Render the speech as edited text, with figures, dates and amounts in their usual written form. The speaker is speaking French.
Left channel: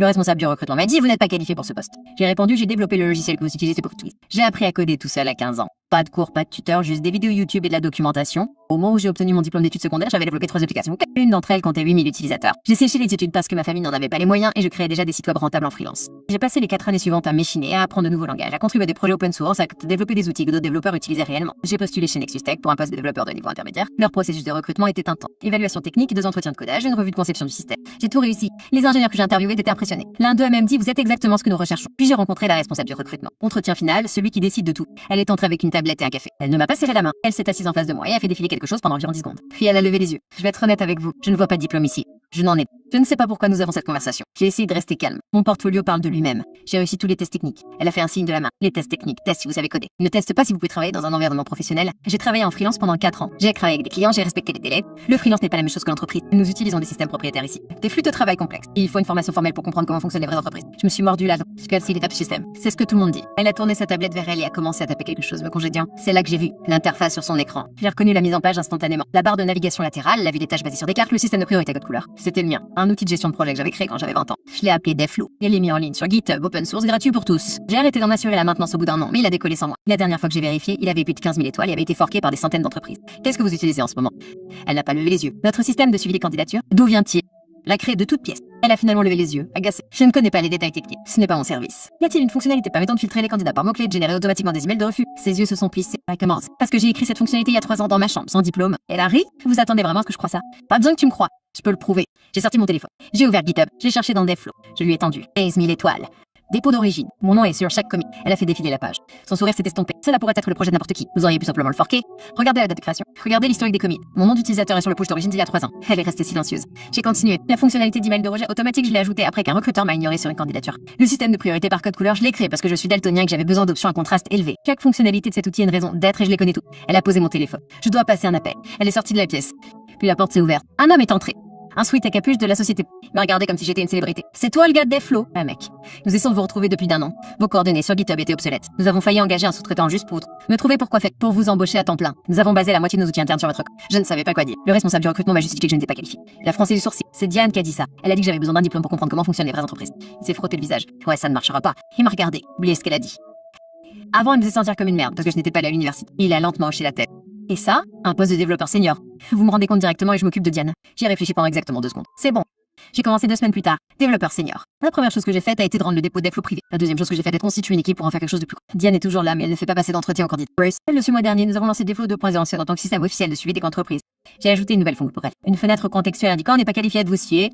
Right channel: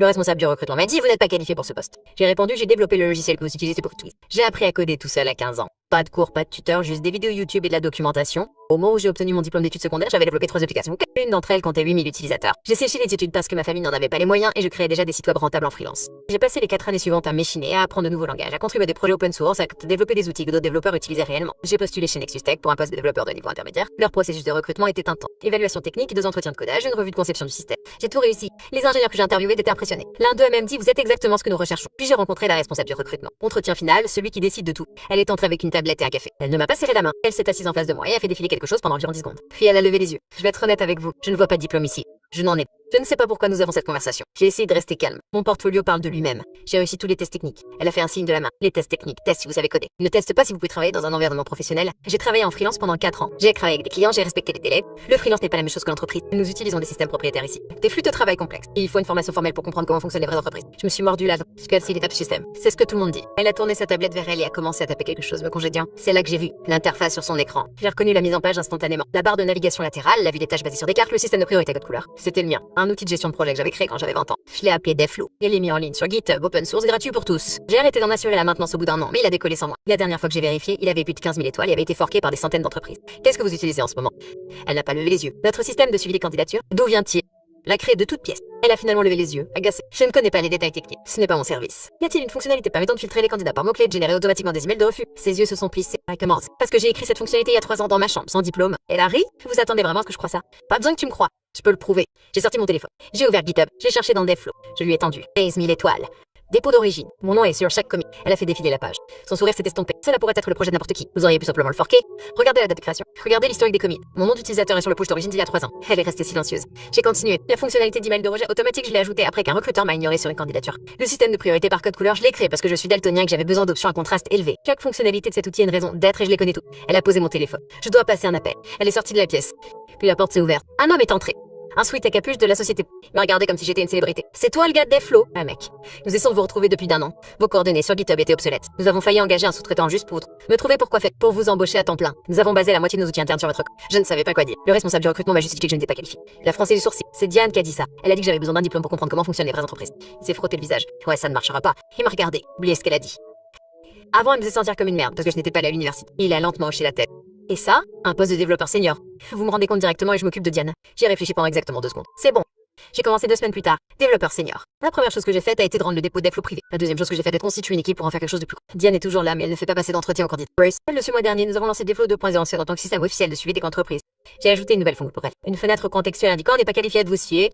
Le responsable du recrutement m'a dit, vous n'êtes pas qualifié pour ce poste. J'ai répondu, j'ai développé le logiciel que vous utilisez pour tout. J'ai appris à coder tout seul à 15 ans. Pas de cours, pas de tuteur, juste des vidéos YouTube et de la documentation. Au moment où j'ai obtenu mon diplôme d'études secondaires, j'avais développé 3 applications. Une d'entre elles comptait 8000 utilisateurs. J'ai séché les études parce que ma famille n'en avait pas les moyens et je créais déjà des sites web rentables en freelance. J'ai passé les 4 années suivantes à m'échiner, à apprendre de nouveaux langages, à contribuer à des projets open source, à développer des outils que d'autres développeurs utilisaient réellement. J'ai postulé chez Nexus Tech pour un poste de développeur de niveau intermédiaire. Leur processus de recrutement était intense. Évaluation technique, 2 entretiens de codage, une revue de conception du système. J'ai tout réussi. Les ingénieurs que j'ai interviewés étaient impressionnés. L'un d'eux a même dit, vous êtes exactement ce que nous recherchons. Puis j'ai rencontré la responsable du recrutement. Entretien final, celui qui décide de tout. Elle est entrée avec une tablette et un café. Elle ne m'a pas serré la main. Elle s'est assise en face de moi et a fait défiler quelque chose pendant environ 10 secondes. Puis elle a levé les yeux. Je vais être honnête avec vous. Je ne vois pas de diplôme ici. Je n'en ai pas. Je ne sais pas pourquoi nous avons cette conversation. J'ai essayé de rester calme. Mon portfolio parle de lui-même. J'ai réussi tous les tests techniques. Elle a fait un signe de la main. Les tests techniques, test si vous savez coder. Ne teste pas si vous pouvez travailler dans un environnement professionnel. J'ai travaillé en freelance pendant 4 ans. J'ai travaillé avec des clients, j'ai respecté les délais. Le freelance n'est pas la même chose que l'entreprise. Nous utilisons des systèmes propriétaires ici. Des flux de travail complexes. Il faut une formation formelle pour comprendre comment fonctionnent les vraies entreprises. Je me suis mordu là. Je casse l'étape système. C'est ce que tout le monde dit. Elle a tourné sa tablette vers elle et a commencé à taper quelque chose me congédiant. C'est là que j'ai vu l'interface sur son écran. J'ai reconnu la mise en page instantanément. La barre de navigation latérale, la vue des tâches basées sur des cartes, le système de priorité à code couleur. C'était le mien. Un outil de gestion de projet que j'avais créé quand j'avais 20 ans. Je l'ai appelé Devflow. Il est mis en ligne sur GitHub, open source, gratuit pour tous. J'ai arrêté d'en assurer la maintenance au bout d'un an, mais il a décollé sans moi. La dernière fois que j'ai vérifié, il avait plus de 15 000 étoiles et avait été forqué par des centaines d'entreprises. Qu'est-ce que vous utilisez en ce moment? Elle n'a pas levé les yeux. Notre système de suivi des candidatures, d'où vient-il? L'a créé de toutes pièces. Elle a finalement levé les yeux, agacée. Je ne connais pas les détails techniques. Ce n'est pas mon service. Y a-t-il une fonctionnalité permettant de filtrer les candidats par mots-clés et de générer automatiquement des emails de refus? Ses yeux se sont plissés. Elle commence. Parce que j'ai écrit cette fonctionnalité il y a 3 ans dans ma chambre, sans diplôme. Elle a ri? Vous attendez vraiment à ce que je croie ça? Pas besoin que tu me crois. Je peux le prouver. J'ai sorti mon téléphone. J'ai ouvert GitHub. J'ai cherché dans Devflow. Je lui ai tendu 15 000 étoiles. Dépôt d'origine. Mon nom est sur chaque commit. Elle a fait défiler la page. Son sourire s'est estompé. Cela pourrait être le projet de n'importe qui. Vous auriez pu simplement le forquer. Regardez la date de création. Regardez l'historique des commits. Mon nom d'utilisateur est sur le push d'origine d'il y a 3 ans. Elle est restée silencieuse. J'ai continué. La fonctionnalité d'email de rejet automatique, je l'ai ajoutée après qu'un recruteur m'a ignoré sur une candidature. Le système de priorité par code couleur, je l'ai créé parce que je suis daltonien et que j'avais besoin d'options à contraste élevé. Chaque fonctionnalité de cet outil a une raison d'être et je les connais tout. Elle a posé mon téléphone. Je dois passer un appel. Elle est sortie de la pièce. Puis la porte s'est ouverte. Un homme est entré. Un sweat à capuche de la société. Il m'a regardé comme si j'étais une célébrité. C'est toi le gars de Devflow? Ah mec. Nous essayons de vous retrouver depuis d'1 an. Vos coordonnées sur GitHub étaient obsolètes. Nous avons failli engager un sous-traitant juste pour me trouver pourquoi faire pour vous embaucher à temps plein. Nous avons basé la moitié de nos outils internes sur votre Je ne savais pas quoi dire. Le responsable du recrutement m'a justifié que je n'étais pas qualifié. La froncé du sourcil. C'est Diane qui a dit ça. Elle a dit que j'avais besoin d'un diplôme pour comprendre comment fonctionnent les vraies entreprises. Il s'est frotté le visage. Ouais, ça ne marchera pas. Il m'a regardé. Oubliez ce qu'elle a dit. Avant, elle me faisait sentir comme une merde parce que je n'étais pas allée à l'université. Il a lentement hoché la tête. Et ça, un poste de développeur senior. Vous me rendez compte directement et je m'occupe de Diane. J'y ai réfléchi pendant exactement 2 secondes. C'est bon. J'ai commencé 2 semaines plus tard. Développeur senior. La première chose que j'ai faite a été de rendre le dépôt Devflow privé. La deuxième chose que j'ai faite est de constituer une équipe pour en faire quelque chose de plus gros. Diane est toujours là, mais elle ne fait pas passer d'entretien aux candidats. Le mois dernier, nous avons lancé Devflow 2.0 en tant que système officiel de suivi des entreprises. J'ai ajouté une nouvelle fonction pour elle. Une fenêtre contextuelle indiquant n'est pas qualifié de vous suivre.